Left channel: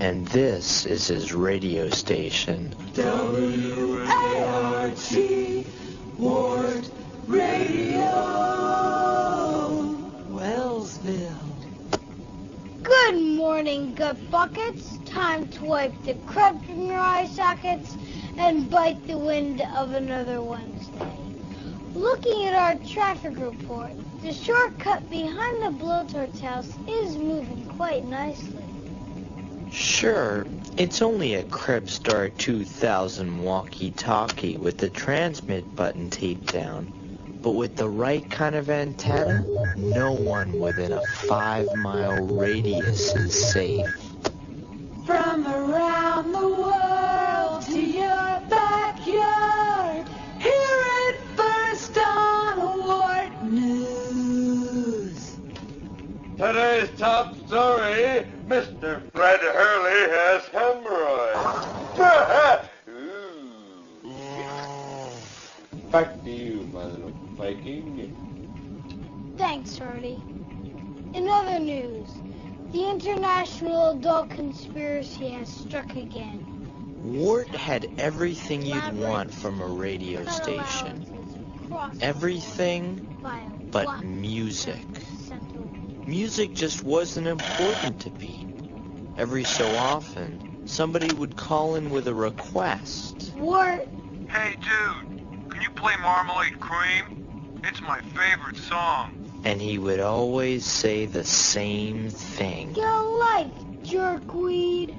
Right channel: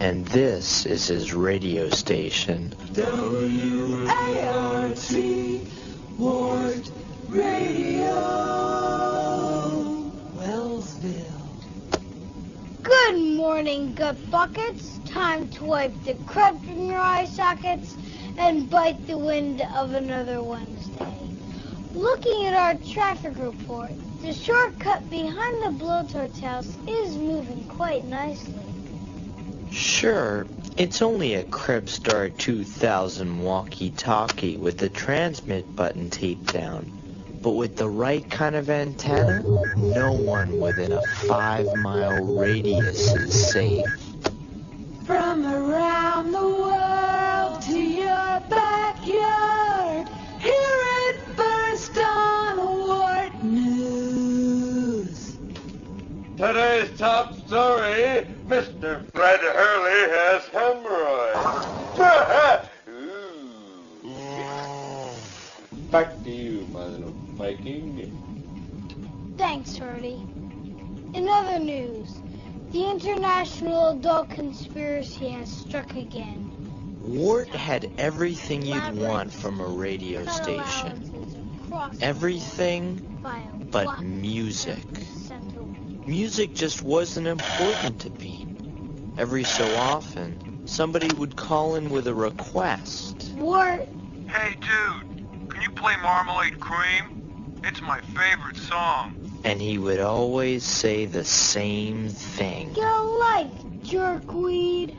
And this is his radio station. W-A-R-T, Wart Radio, Wellsville. Good morning, gut buckets. Time to wipe the crud from your eye sockets and bite the wind of another Wednesday. Looking at our traffic report, the shortcut behind the blowtorch house is moving quite nicely. Sure, it's only a Cripstar 2000 walkie-talkie with the transmit button taped down. But with the right kind of antenna, no one within a 5-mile radius is safe. From around the world to your backyard, hear it first on Wart News. Today's top story, Mr. Fred Hurley has hemorrhoids. Back to you, Mother Viking. Thanks, Shorty. In other news, the international adult conspiracy has struck again. Wart had everything you'd want from a radio station. Everything but music. Music just wasn't important to Pete. Every so often, somebody would call in with a request. Wart, Hey, dude, can you play Marmalade Cream? It's my favorite song. And he would always say the same thing. get a life, jerkweed.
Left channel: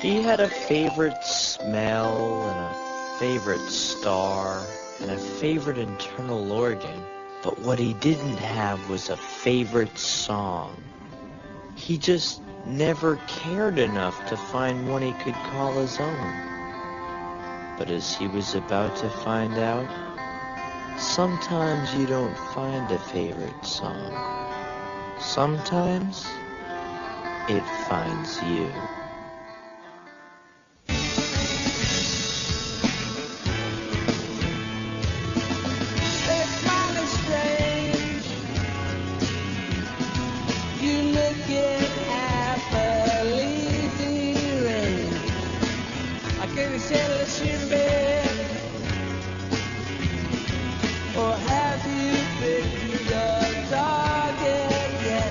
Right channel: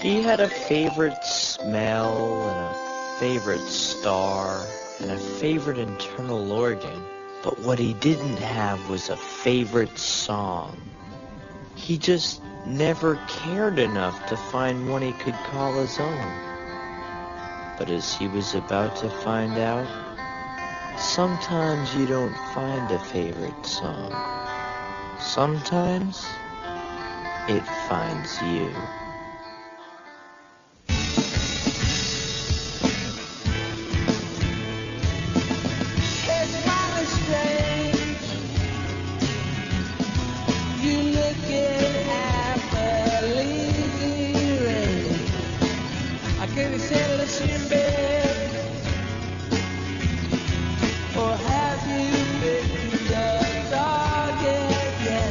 He had a favorite smell and a favorite star and a favorite internal organ. But what he didn't have was a favorite song. He just never cared enough to find one he could call his own. But as he was about to find out, sometimes you don't find a favorite song. Sometimes it finds you. You look at happily. I can't sell a bed. Or have you picked up target? Yes,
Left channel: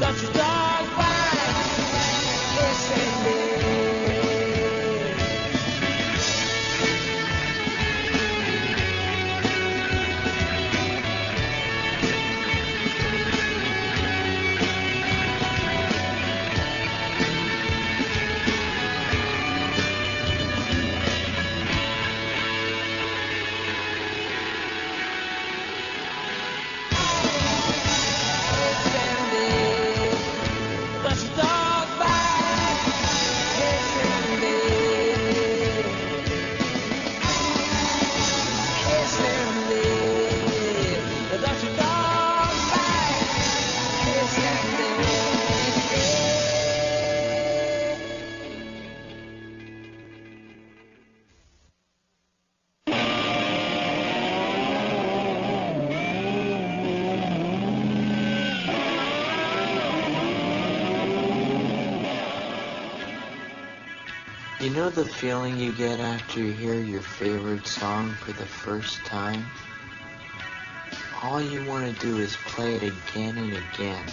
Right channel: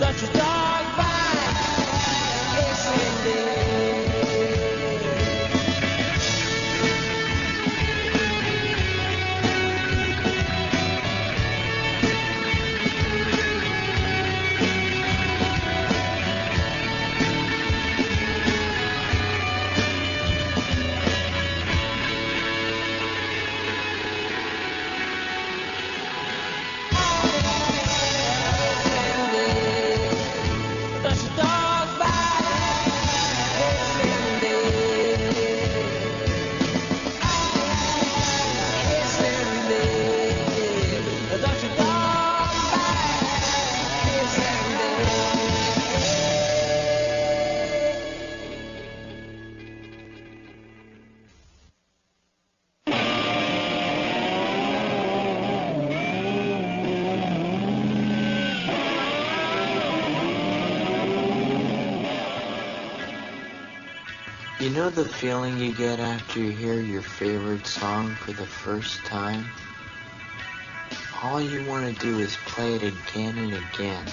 Don't you talk back? You know the feeling you get after you hear your favorite song for the first time? All you want to do is play it again and again,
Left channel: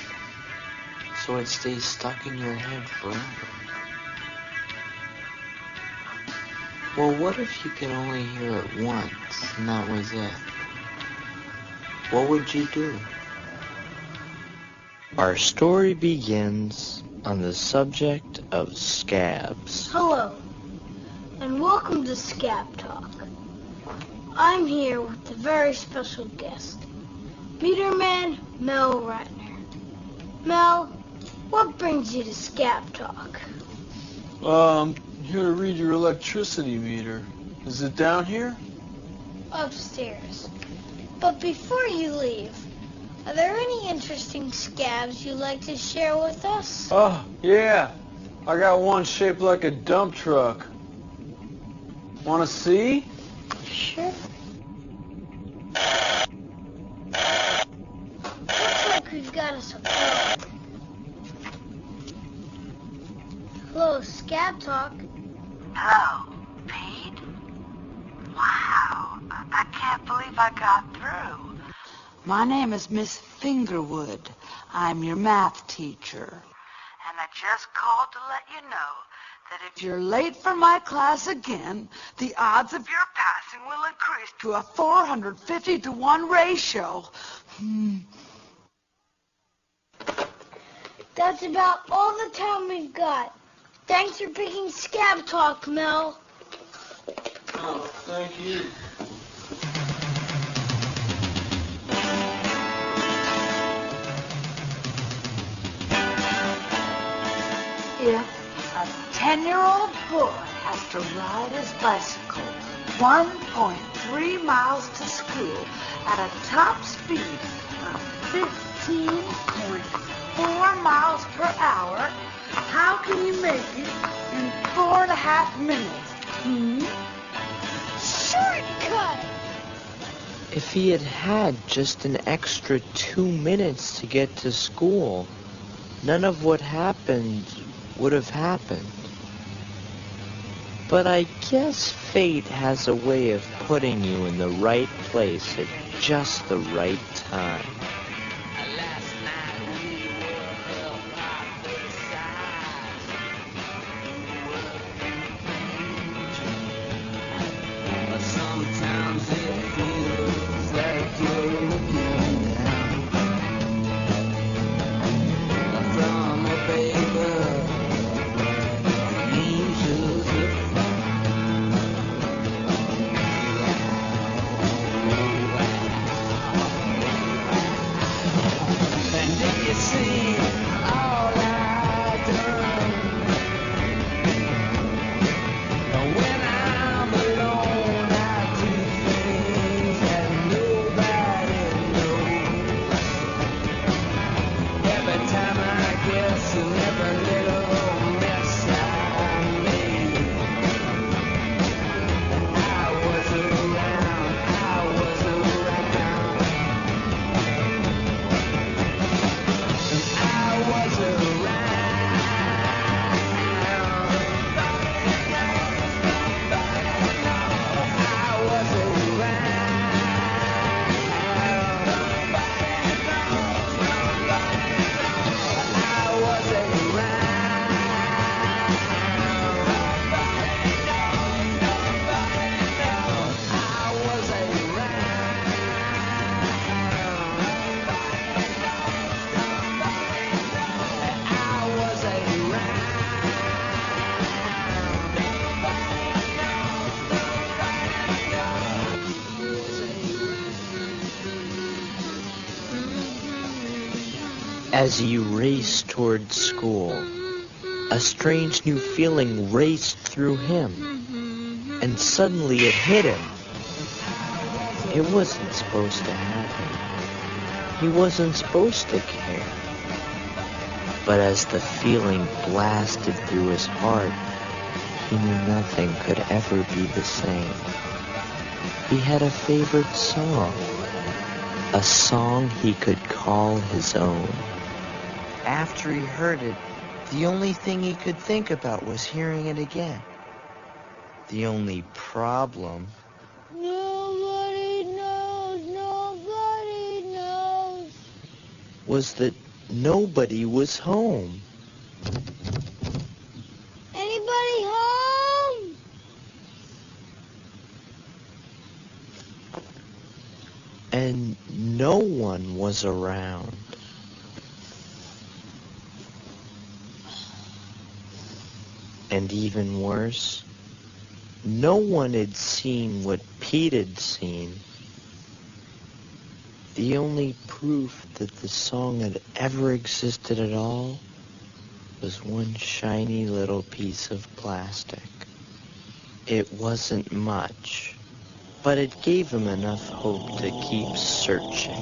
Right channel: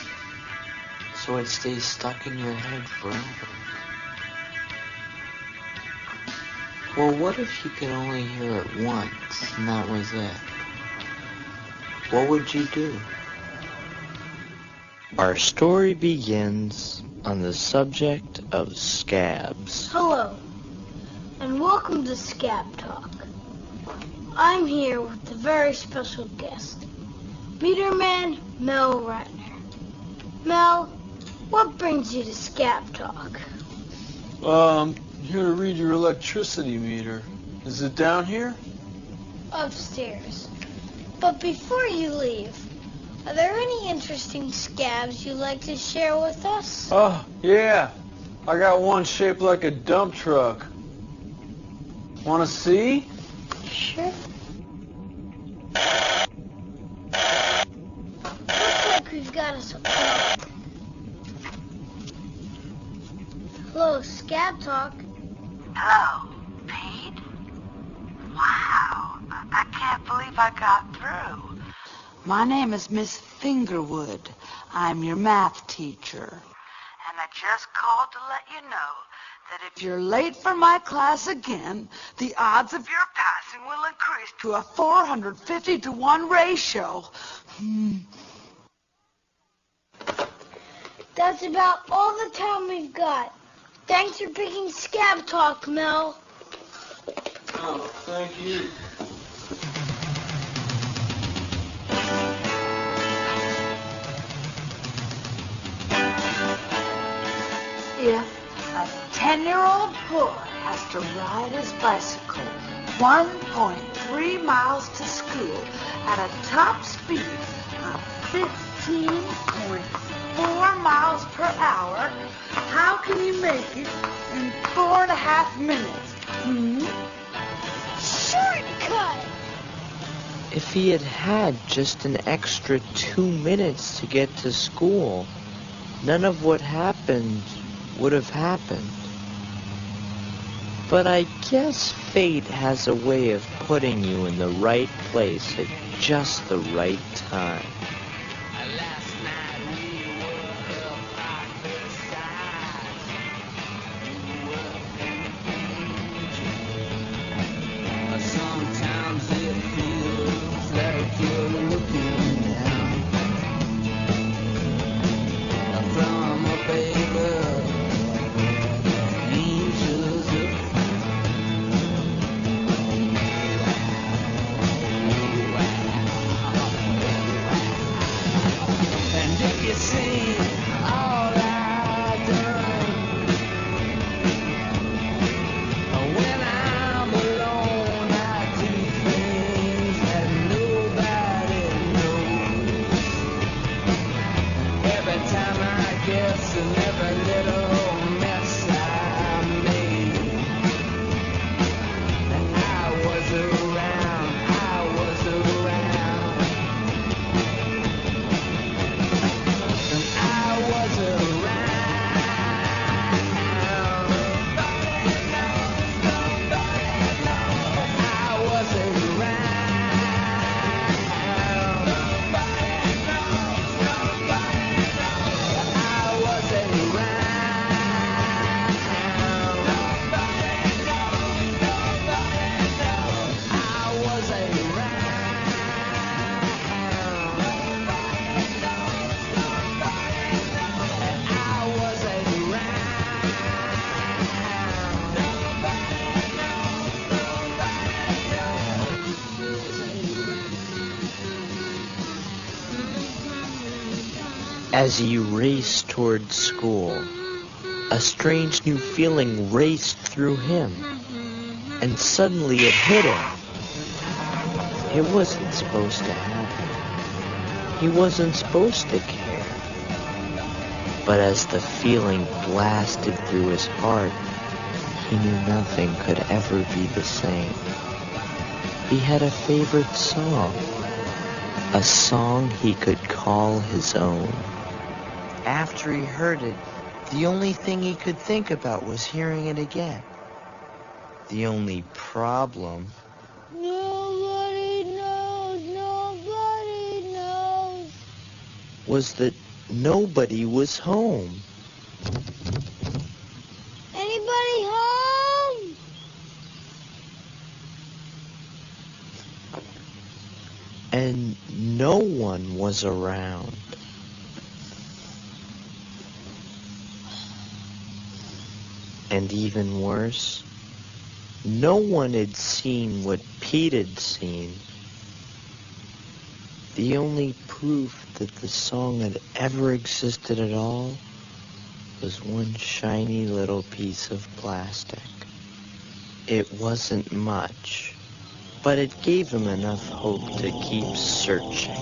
so it stays stuck in your head forever. Well, what if you could only hear it once, and that was it? What would you do? Our story begins on the subject of scabs. Hello, and welcome to Scab Talk. I'm here with a very special guest, Peterman Mel Reitner. Mel, what brings you to Scab Talk? Here to read your electricity meter. Is it down here? Upstairs. But before you leave, are there any interesting scabs you'd like to share with us? Oh, yeah. I got one shaped like a dump truck. Want to see? Sure. got us. Hello, Scab Talk. Hello, Pete? Wow, I can't believe I got through. My name is Miss Fingerwood. I'm your math teacher. And I just called to let you know that if you're late for my class again, the odds of your passing will increase to a 450 to 1 ratio. That's about all the time we've got. Thanks for picking Scab Talk, Mel. Oh, thank you. If a 10-year-old boy has to ride his bicycle 1.3 miles to school at a top speed of 15.4 miles per hour, how can he make it in 4.5 minutes? Shortcut! If he had had just an extra 2 minutes to get to school, none of what happened would have happened. But I guess fate has a way of putting you in the right place at just the right time. Sometimes it feels like you're looking down from a bagel. As he raced toward school, a strange new feeling raced through him, and suddenly it hit him. It wasn't supposed to happen. He wasn't supposed to care. But as the feeling blasted through his heart, he knew nothing could ever be the same. He had a favorite song, a song he could call his own. After he heard it, the only thing he could think about was hearing it again. The only problem Nobody knows. was that nobody was home. Anybody home? And no one was around. And even worse, no one had seen what Pete had seen. The only proof that the song had ever existed at all was one shiny little piece of plastic. It wasn't much, but it gave him enough hope to keep searching.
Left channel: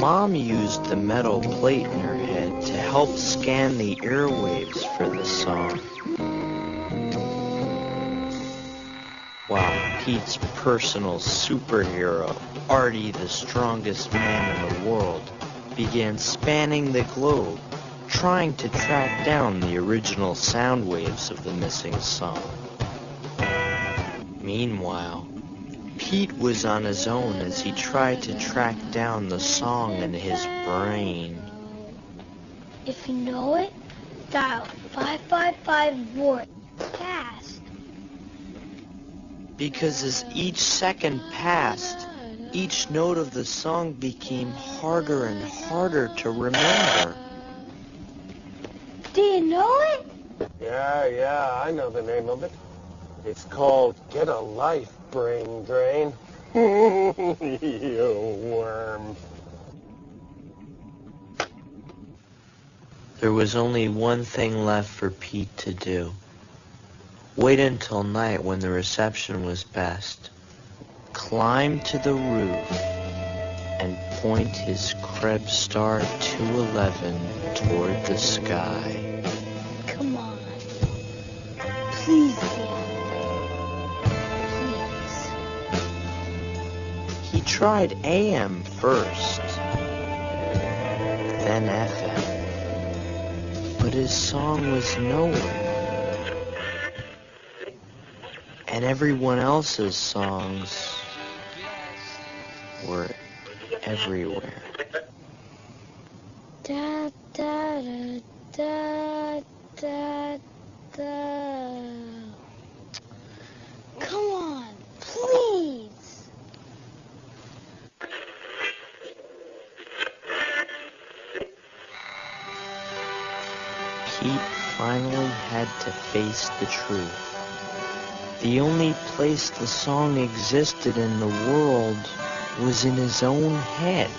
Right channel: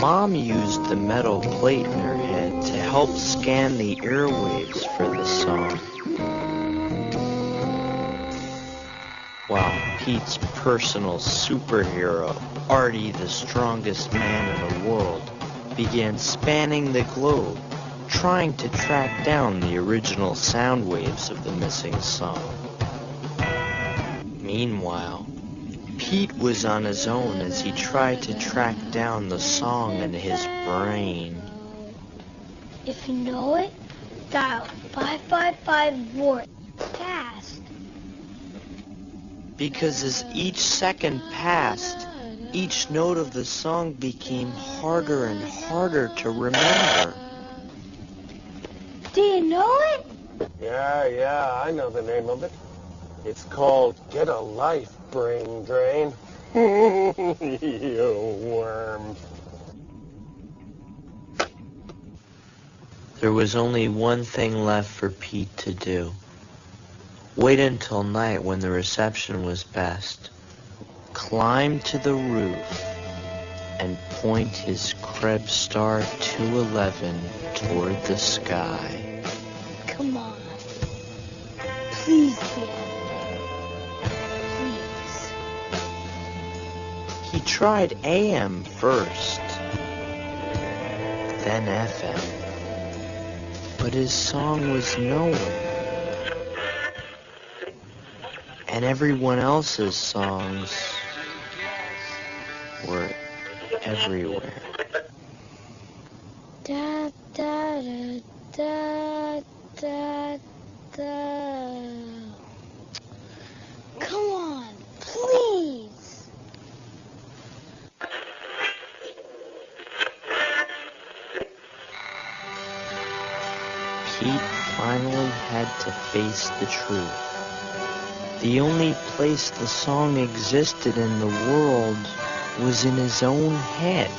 Mom used the metal plate in her head to help helped scan the airwaves for the song. While Pete's personal superhero, Artie, the strongest man in the world, began spanning the globe, trying to track down the original sound waves of the missing song. Meanwhile, Pete was on his own as he tried to track down the song in his brain. If you know it, dial 555-VORT fast. Because as each second passed, each note of the song became harder and harder to remember. Do you know it? Yeah, I know the name of it. It's called Get a Life, Brain Drain. You worm. There was only one thing left for Pete to do. Wait until night when the reception was best. Climb to the roof and point his Krebstar 211 toward the sky. Come on. Please, Dad. Please. He tried AM first, then FM, but his song was nowhere. And everyone else's songs were everywhere. Da, da, da, da, da. Come on, please. Pete finally had to face the truth. The only place the song existed in the world was in his own head.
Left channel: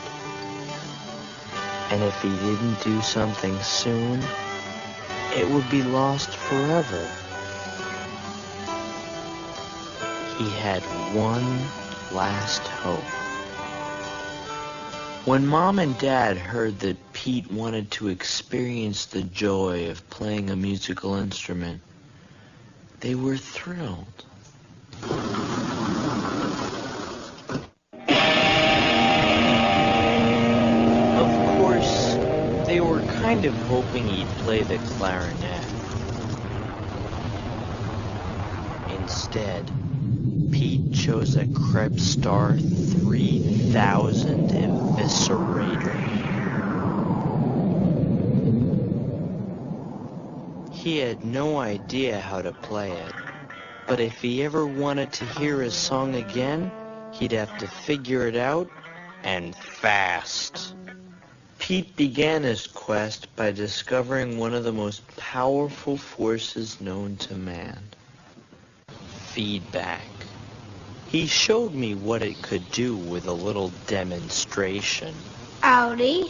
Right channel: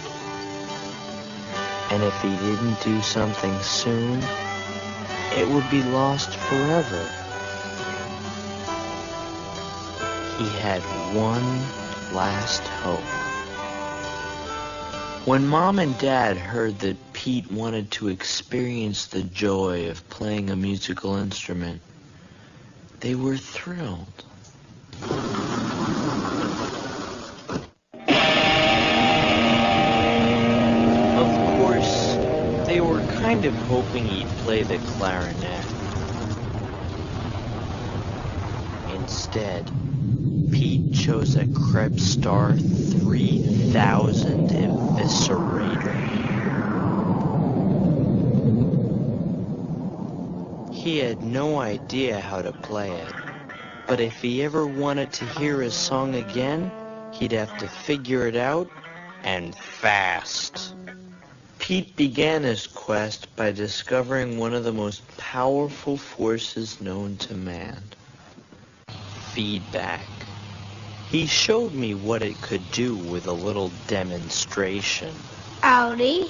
And if he didn't do something soon, it would be lost forever. He had one last hope. When Mom and Dad heard that Pete wanted to experience the joy of playing a musical instrument, they were thrilled. Of course, they were kind of hoping he'd play the clarinet. Instead, Pete chose a Krebstar 3000 eviscerator. He had no idea how to play it, but if he ever wanted to hear his song again, he'd have to figure it out, and fast. Pete began his quest by discovering one of the most powerful forces known to man: feedback. He showed me what it could do with a little demonstration. Audi.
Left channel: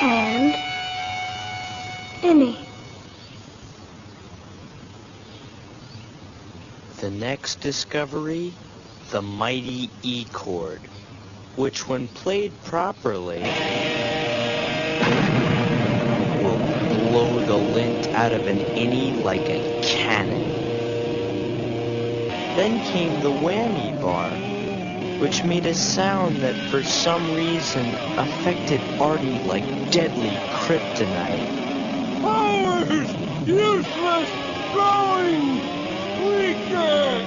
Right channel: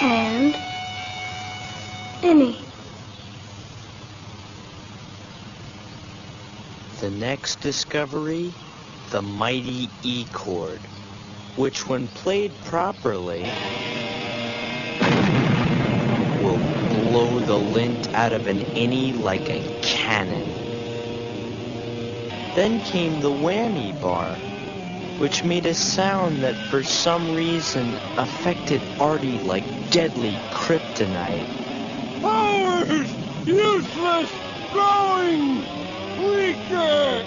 And any. The next discovery, the mighty E chord, which when played properly, will blow the lint out of an innie like a cannon. Then came the whammy bar, which made a sound that for some reason affected Artie like deadly kryptonite. Useless! Growing! Weaker!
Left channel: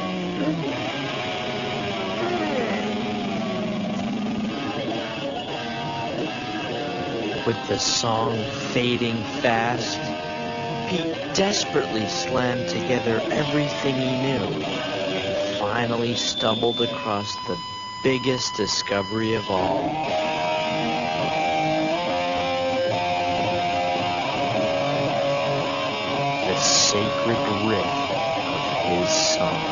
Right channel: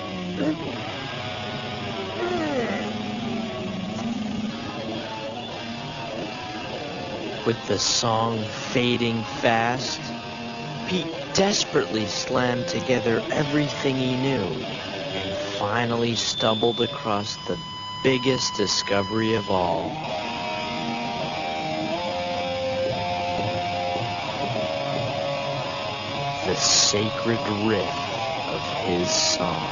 With the song fading fast, Pete desperately slammed together everything he knew and finally stumbled across the biggest discovery of all. The sacred riff of his song.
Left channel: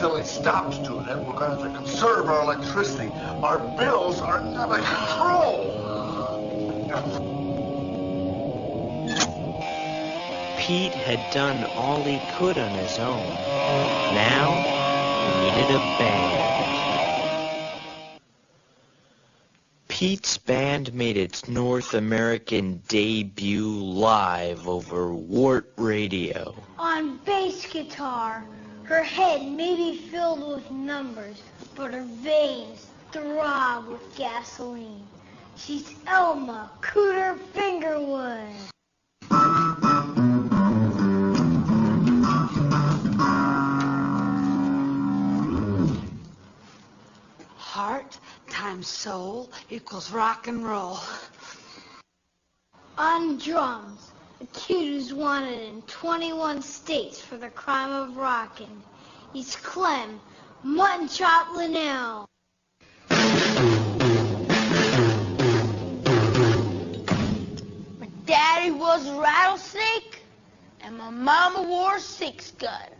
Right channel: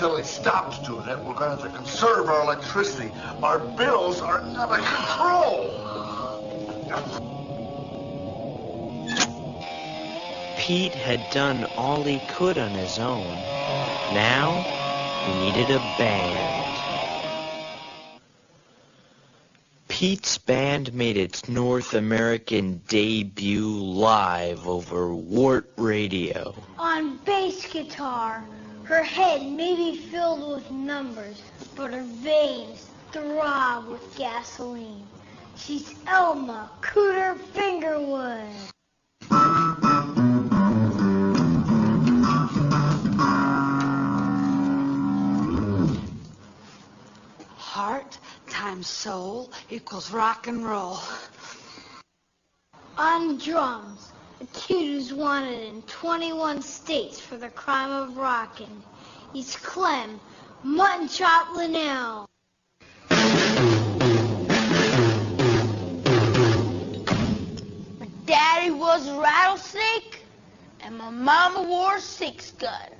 until it stops tooting, we're going to conserve our electricity. Our bills are never controlled. Pete had done all he could on his own. Now, he needed a band. Pete's band made its North American debut live over Wart Radio. On bass guitar, her head may be filled with numbers, but her veins throb with gasoline. She's Elma Cooter Fingerwood. Heart times soul equals rock and roll. On drums, the kid who's wanted in 21 states for the crime of rockin'. He's Clem Muttonchop Linnell. My daddy was a rattlesnake, and my mama wore a six-gun.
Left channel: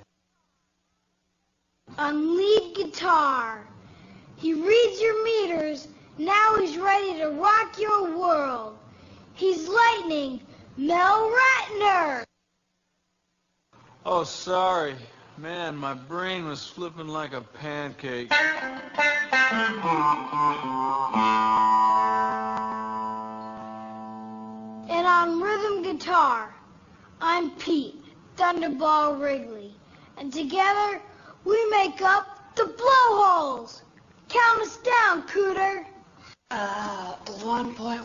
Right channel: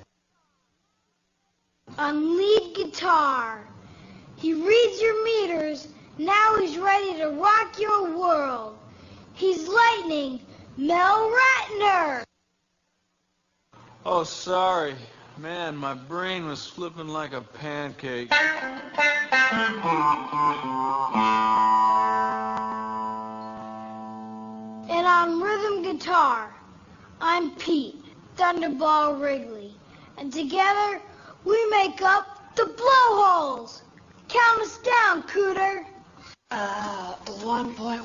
On lead guitar, he reads your meters, now he's ready to rock your world. He's Lightning Mel Ratner. Oh, sorry. Man, my brain was flipping like a pancake. And on rhythm guitar, I'm Pete, Thunderball Wrigley. And together, we make up the Blowholes. Count us down, Cooter. 1.1,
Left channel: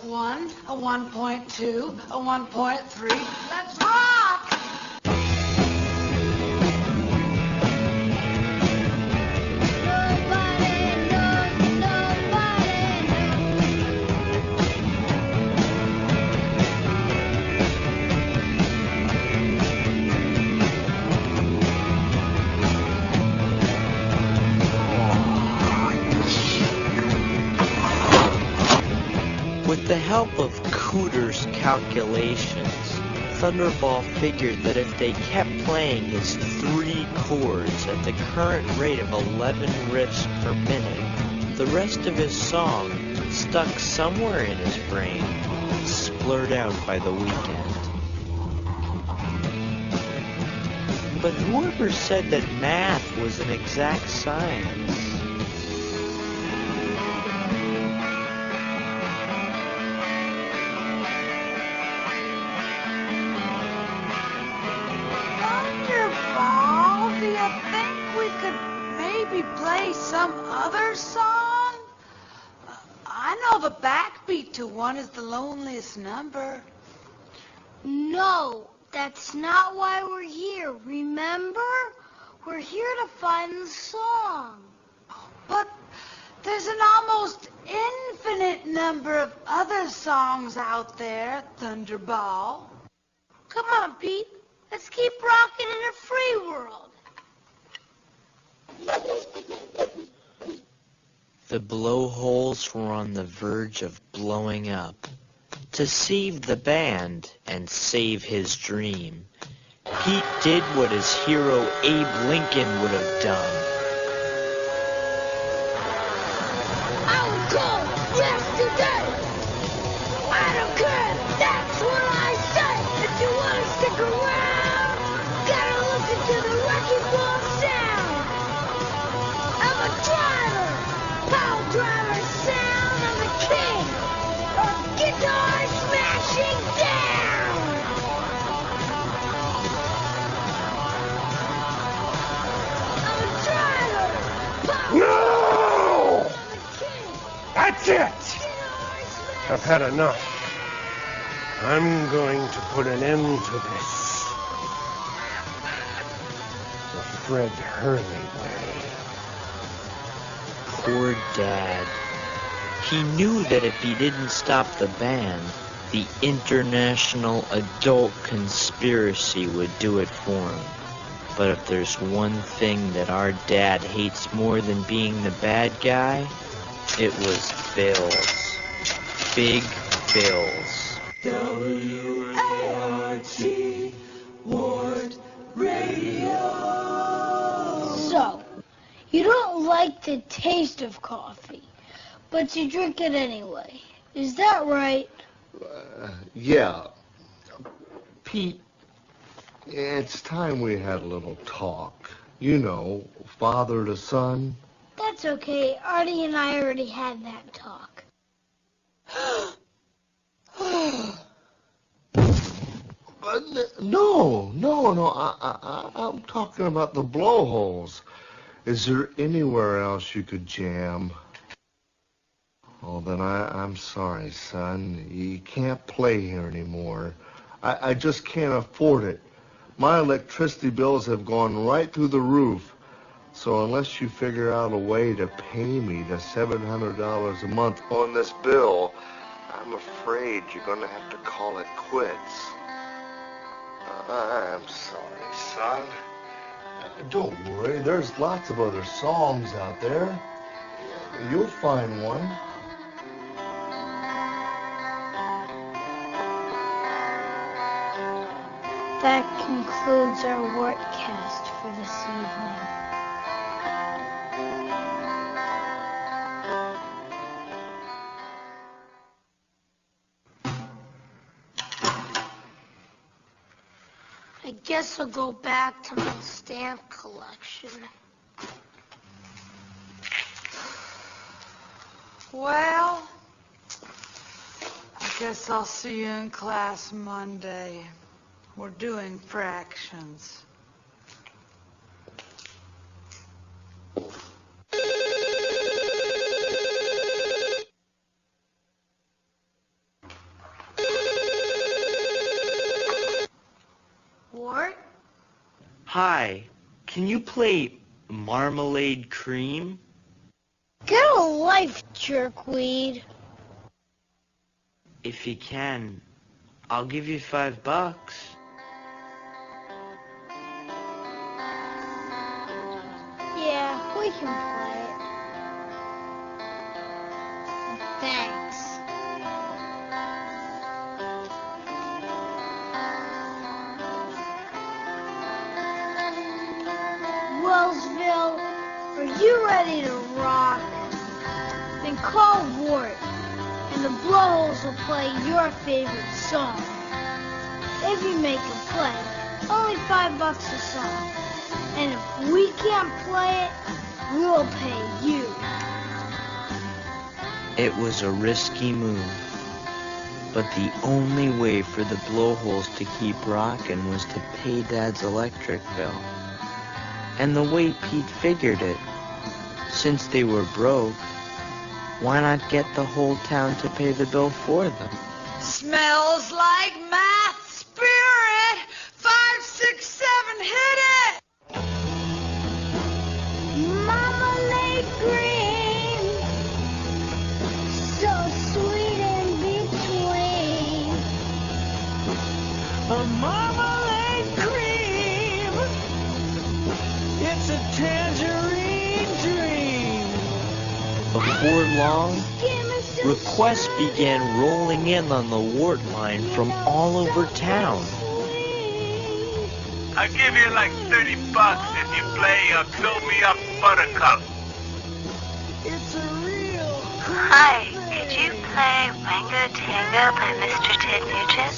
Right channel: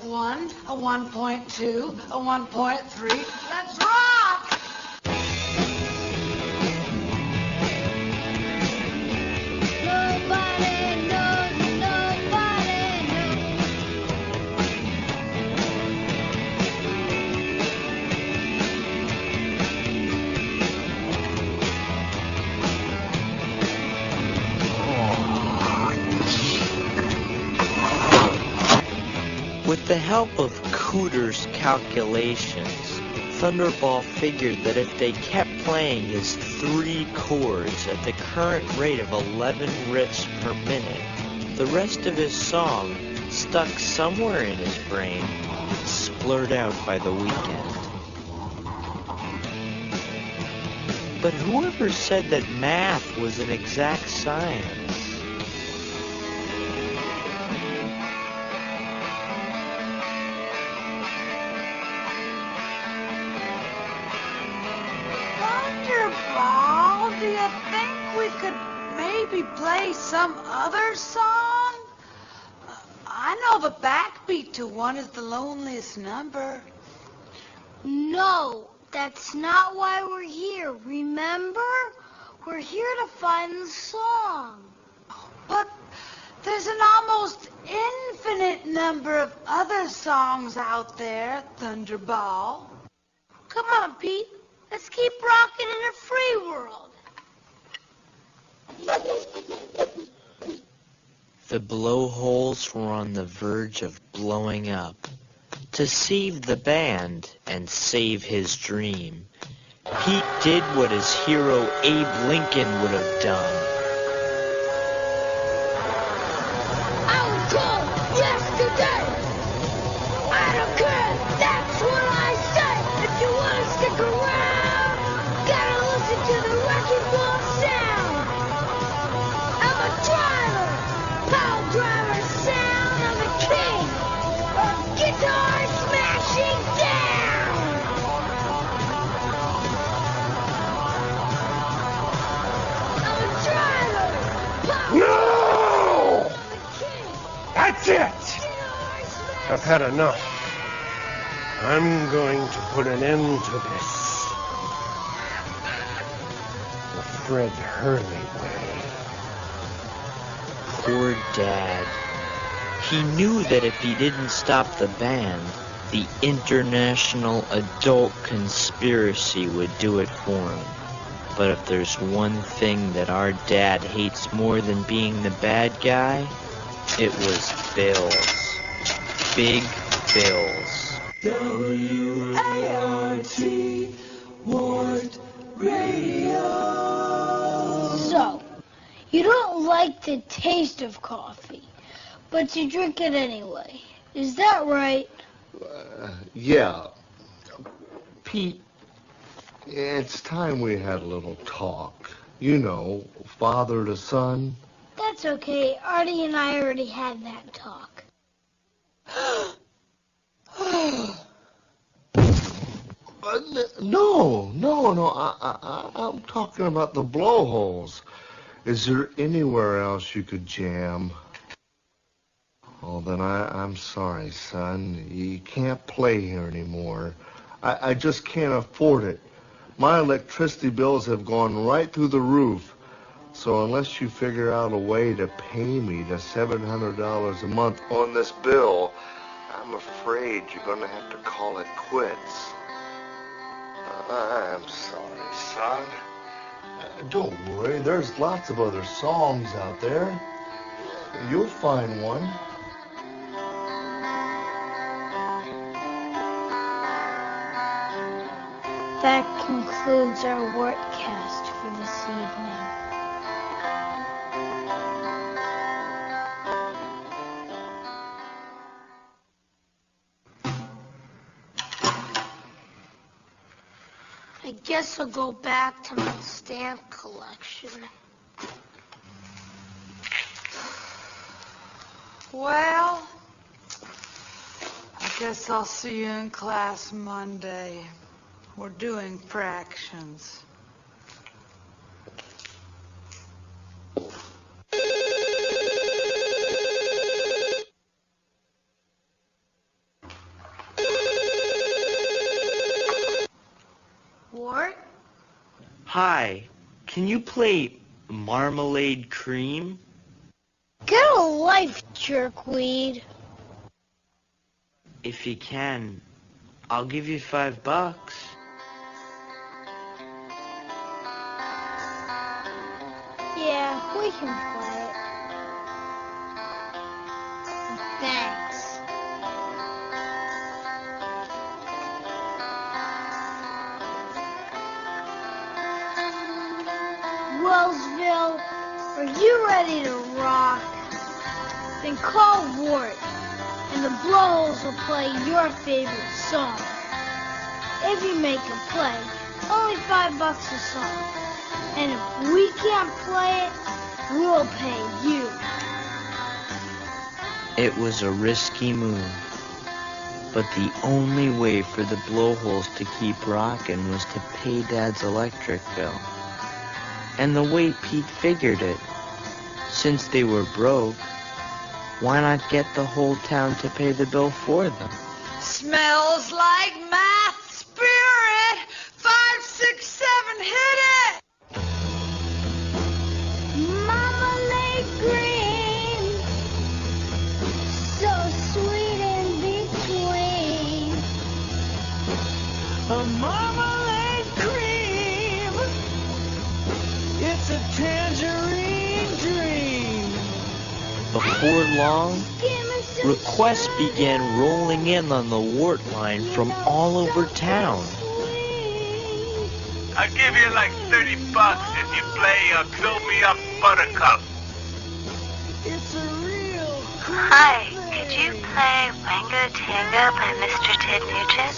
a 1.2, a 1.3. Let's rock! With the help of Cooter's calculations, Thunderball figured that if they kept playing his 3 chords at the current rate of 11 riffs per minute, the rest of his song, stuck somewhere in his brain, would splurt out by the weekend. But whoever said that math was an exact science? Thunderball, do you think we could maybe play some other song? I know the backbeat to one is The Loneliest Number. No, that's not why we're here, remember? We're here to find the song. But there's an almost infinite number of other songs out there, Thunderball. Come on, Pete. Let's keep rocking in a free world. The Blowholes were on the verge of blowing up. To save the band and save his dream, Pete did what his hero Abe Lincoln would have done. I'm cool yesterday. I don't care. That's what I say. If you want to stick around, gotta listen to the wrecking ball sound. I'm a driver, power driver sound. I'm a king of guitar smashing down. I'm a driver, power No! That's it! I've had enough. I'm going to put an end to this. Fred Hurley. Poor Dad. He knew that if he didn't stop the band, the international adult conspiracy would do it for him. But if there's one thing that our dad hates more than being the bad guy, it was bills. Big bills. W-A-R-T, Wart Radio. So, like the taste of coffee, but you drink it anyway. Is that right? Yeah. Pete, it's time we had a little talk. You know, father to son. That's okay. Artie and I already had that talk. No. I'm talking about the blowholes. Is there anywhere else you could jam? Oh, then I'm sorry, son. You can't play here anymore. I just can't afford it. My electricity bills have gone right through the roof. So unless you figure out a way to pay me the $700 a month on this bill, I'm afraid you're going to have to call it quits. I'm sorry, son. Don't worry, there's lots of other songs out there. You'll find one. That concludes our workcast for this evening. I guess I'll go back to my stamp collection. Well, I guess I'll see you in class Monday. We're doing fractions. What? Hi, can you play Marmalade Cream? Get a life, jerkweed. If you can, I'll give you $5. Yeah, we can play it. Thanks. Wellsville, are you ready to rock? Then call Ward. The Blowholes will play your favorite song. If you make it play, only $5 a song. And if we can't play it, we will pay you. It was a risky move, but the only way for the Blowholes to keep rocking was to pay Dad's electric bill. And the way Pete figured it, since they were broke, why not get the whole town to pay the bill for them? Smells like math spirit. 5, 6, 7, hit it! Marmalade cream, so sweet in between. A marmalade cream. It's a tangerine dream. Before long, requests began rolling in on the Wart line from all over town. I'll give you like $30 if you play Blow Me Up Buttercup. It's a real cream. Hi, could you play Winger Tinger by Mr. Ted Nugent?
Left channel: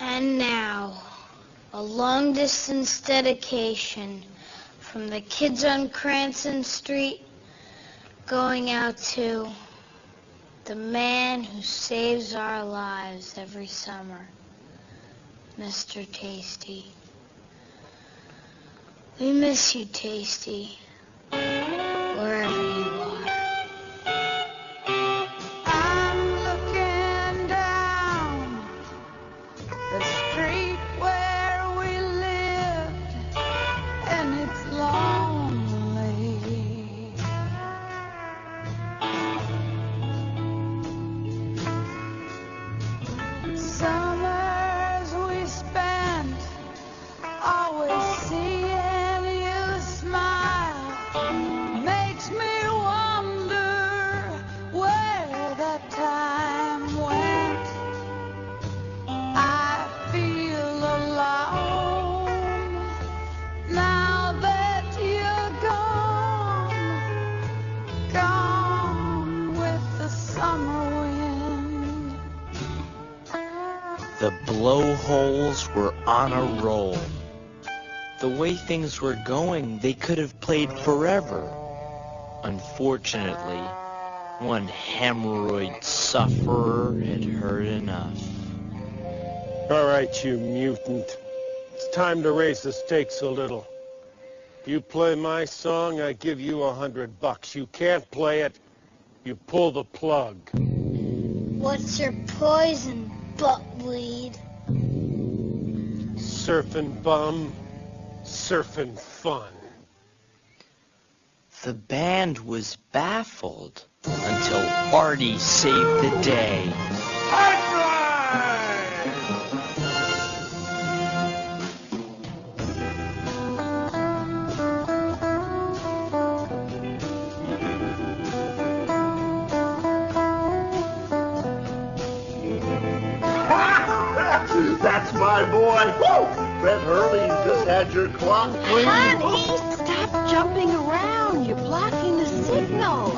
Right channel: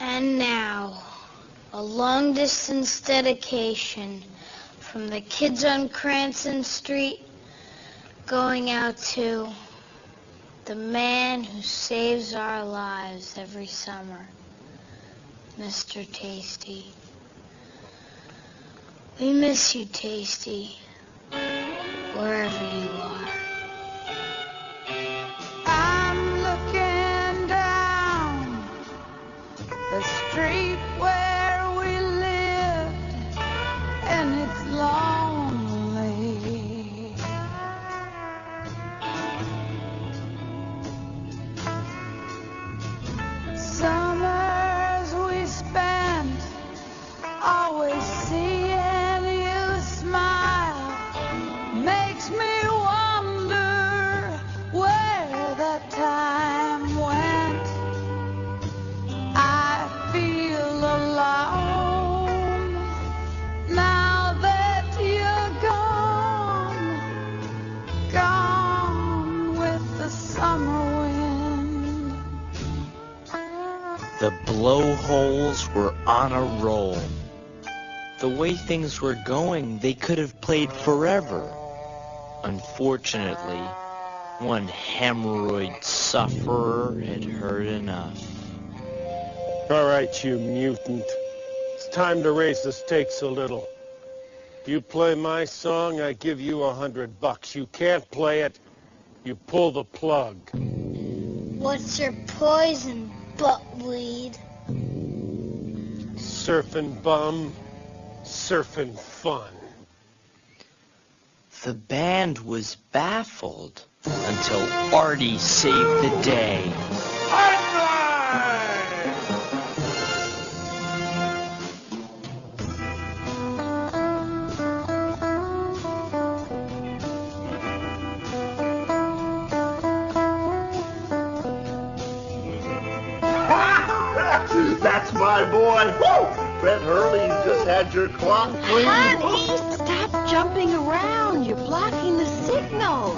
And now, a long-distance dedication from the kids on Cranston Street going out to the man who saves our lives every summer, Mr. Tasty. We miss you, Tasty, wherever you are. I'm looking down the street where we live, and it's lonely. Summers we spent always seeing you smile makes me wonder where that time went. The blowholes were on a roll. The way things were going, they could have played forever. Unfortunately, one hemorrhoid sufferer had heard enough. All right, you mutant. It's time to raise the stakes a little. You play my song, I give you $100. You can't play it, you pull the plug. What's your poison, buttweed? Surfing bum, surfing fun. The band was baffled until Artie saved the day. That's my boy. Get early, you just had your club. Honey, stop jumping around. You're blocking the signal.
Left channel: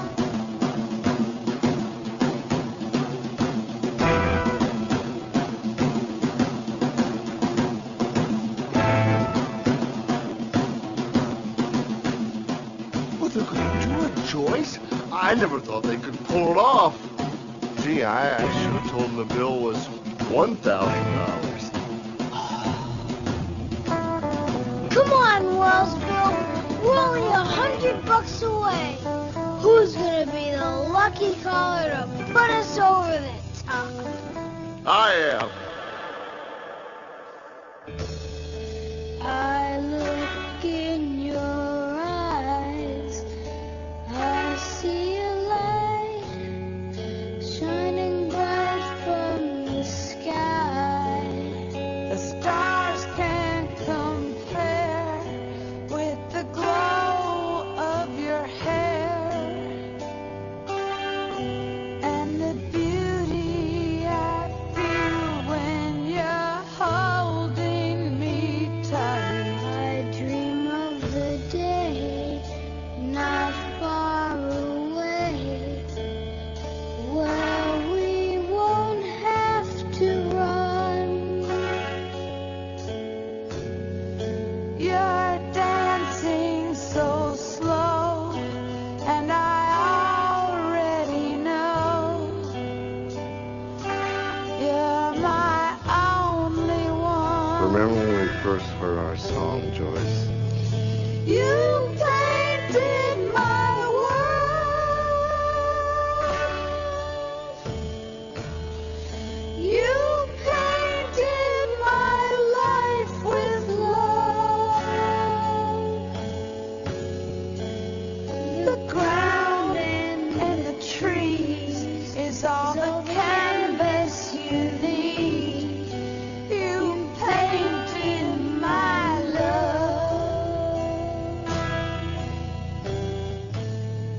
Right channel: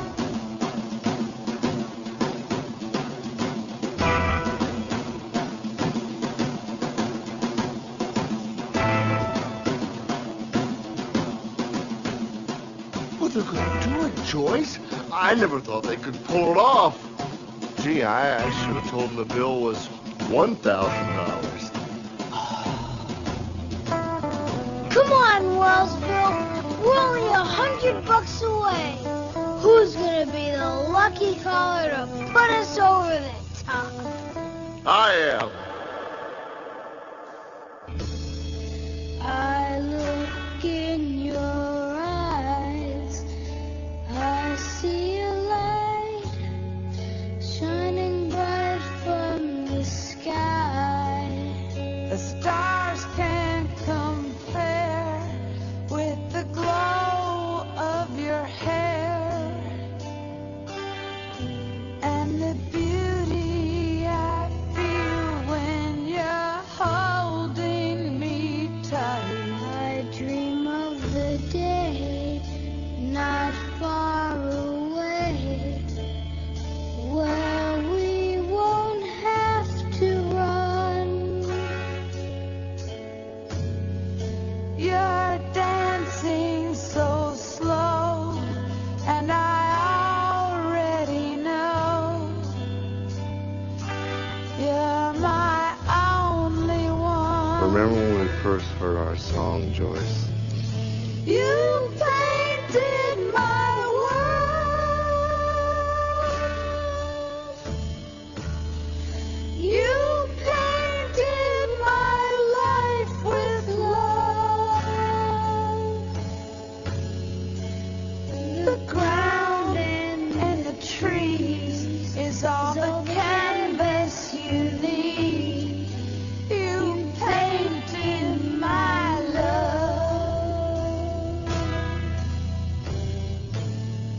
Well, they're going to do it, Joyce. I never thought they could pull it off. Gee, I actually told them the bill was $1,000. Come on, Wellsville. We're only $100 away. Who's gonna be the lucky caller to put us over the top? I am. I look in your eyes. I see a light shining bright from the sky. The stars can't compare with the glow of your hair and the beauty I feel when you're holding me tight. I dream of the day not far away where we won't have to run. You're dancing so slow, and I already know you're my only one. Remember when we first heard our song, Joyce? You painted my world. You painted my life with love. The ground and the trees is all the canvas you need. You painted my love.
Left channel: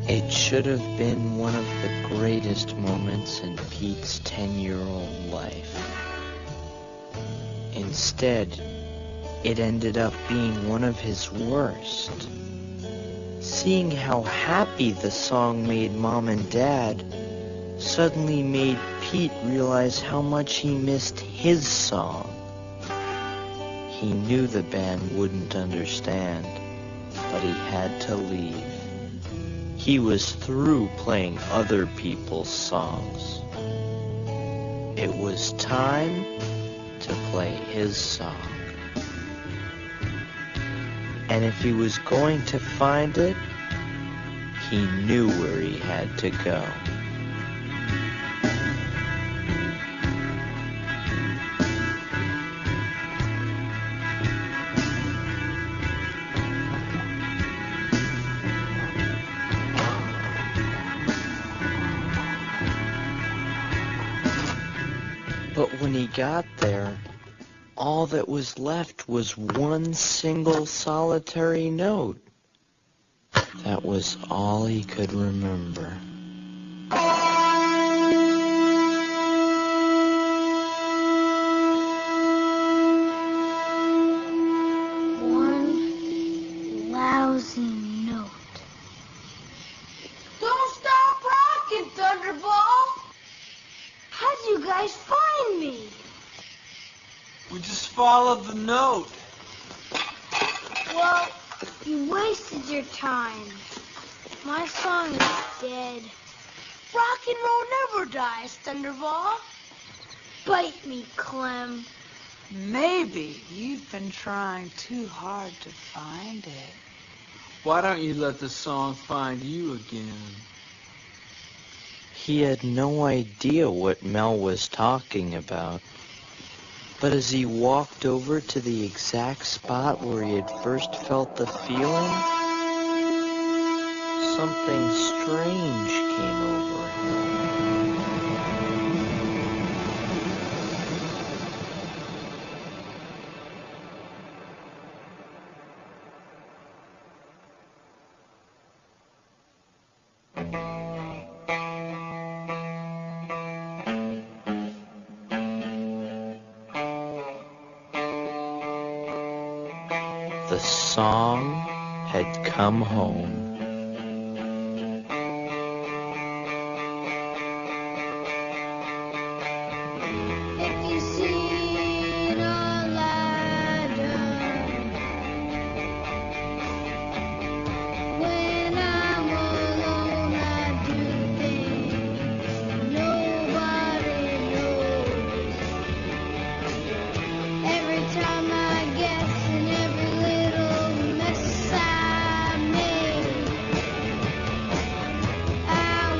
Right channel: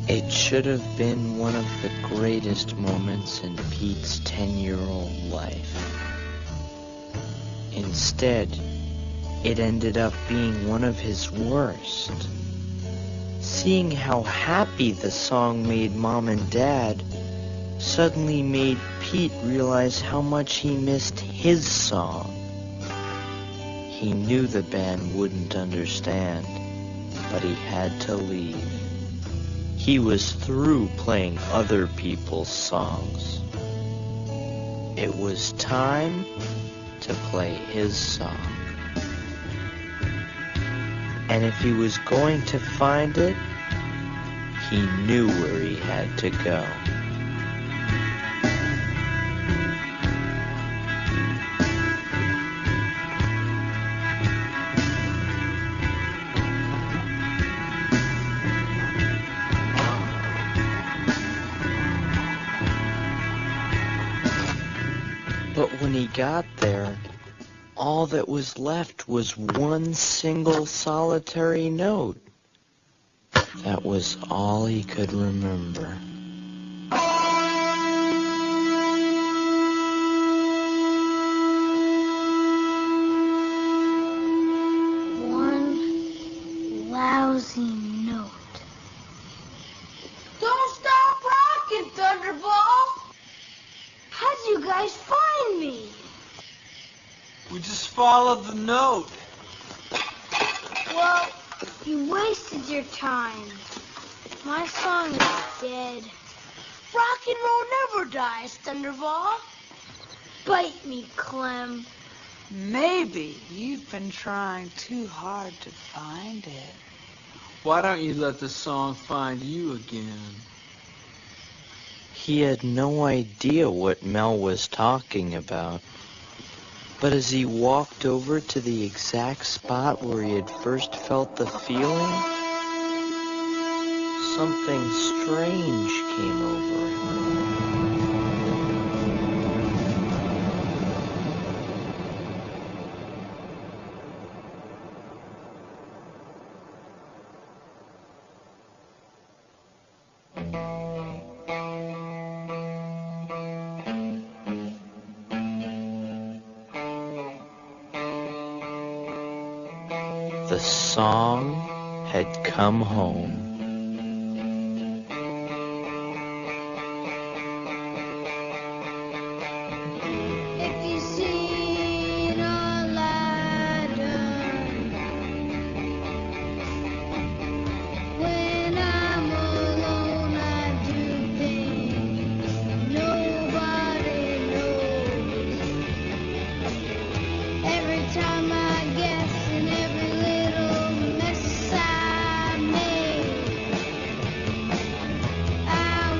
It should have been one of the greatest moments in Pete's 10-year-old life. Instead, it ended up being one of his worst. Seeing how happy the song made Mom and Dad suddenly made Pete realize how much he missed his song. He knew the band wouldn't understand, but he had to leave. He was through playing other people's songs. It was time to play his song. And if he was going to find it, he knew where he had to go. But when he got there, all that was left was one single solitary note. That was all he could remember. One lousy note. Don't stop rocking, Thunderbolt. How'd you guys find me? Just follow the note. Well, you wasted your time. My son was dead. Rock and roll never dies, Thunderball. Bite me, Clem. Maybe you've been trying too hard to find it. Why don't you let the song find you again? He had no idea what Mel was talking about. But as he walked over to the exact spot where he had first felt the feeling, something strange came over him. The song had come home. If you see all I've done, when I'm alone I do things nobody knows. Every time I guess and every little mess I made, I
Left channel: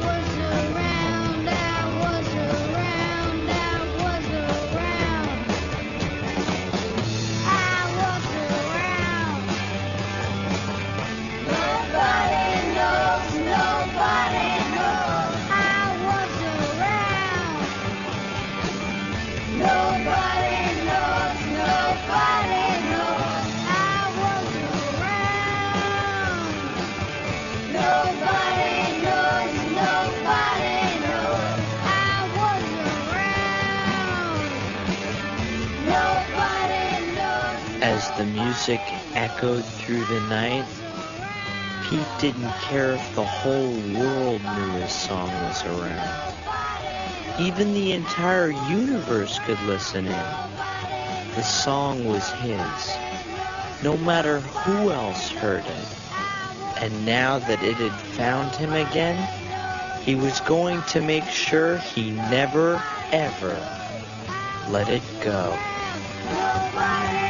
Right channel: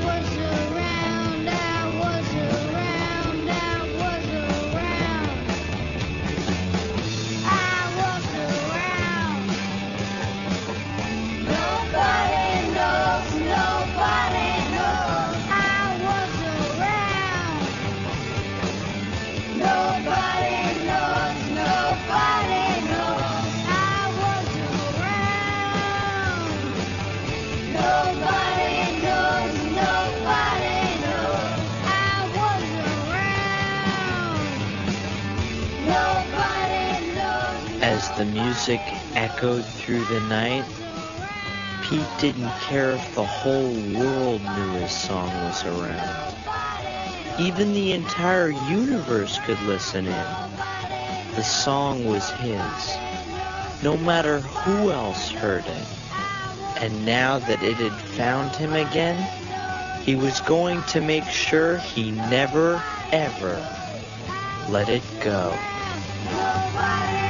was around, I was around, I was around, I was around. Nobody knows, nobody knows, I was around. Nobody knows, nobody knows, I was around. Nobody knows, nobody knows, I was around. Nobody knows. As the music echoed through the night, Pete didn't care if the whole world knew his song was around. Even the entire universe could listen in. The song was his, no matter who else heard it. And now that it had found him again, he was going to make sure he never, ever let it go. Nobody